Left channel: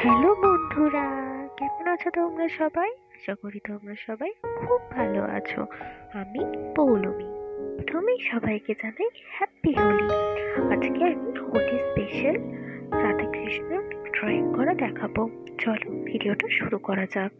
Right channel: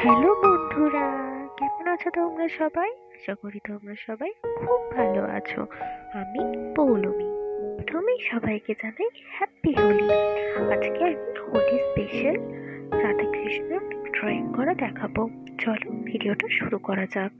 Hello বন্ধুরা, কেমন আছো তোমরা সবাই? আশা করি তোমরা সবাই খুব ভালো আছো। আমি পৌলমী। প্রথমেই সবাইকে জানাই হ্যাপি হোলি। আজকে আমি হোলি স্পেশাল রাধা কৃষ্ণ ড্রয়িং করা দেখাবো। চলো ভিডিওটা শুরু করা যাক।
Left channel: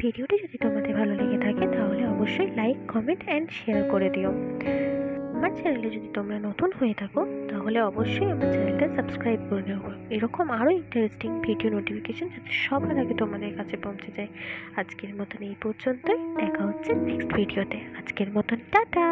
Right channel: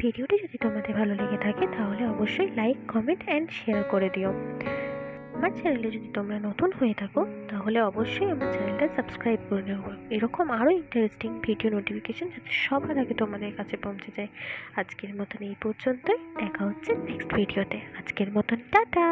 ভিডিওটি যদি তোমাদের ভালো লেগে থাকে তাহলে অবশ্যই লাইক, কমেন্ট অ্যান্ড শেয়ার করে দিও। আমার চ্যানেলে যদি তোমরা নতুন হয়ে থাকো তাহলে অবশ্যই আমার চ্যানেলটা সাবস্ক্রাইব করে নেবো। এরকম আরও ইন্টারেস্টিং ভিডিও নোটিফিকেশন যাতে সবার আগে তোমাদের কাছে পৌঁছে যায়। আজকের মতন এই পর্যন্তই, দেখা হচ্ছে নেক্সট ভিডিওতে। আজকের মতন টাটা।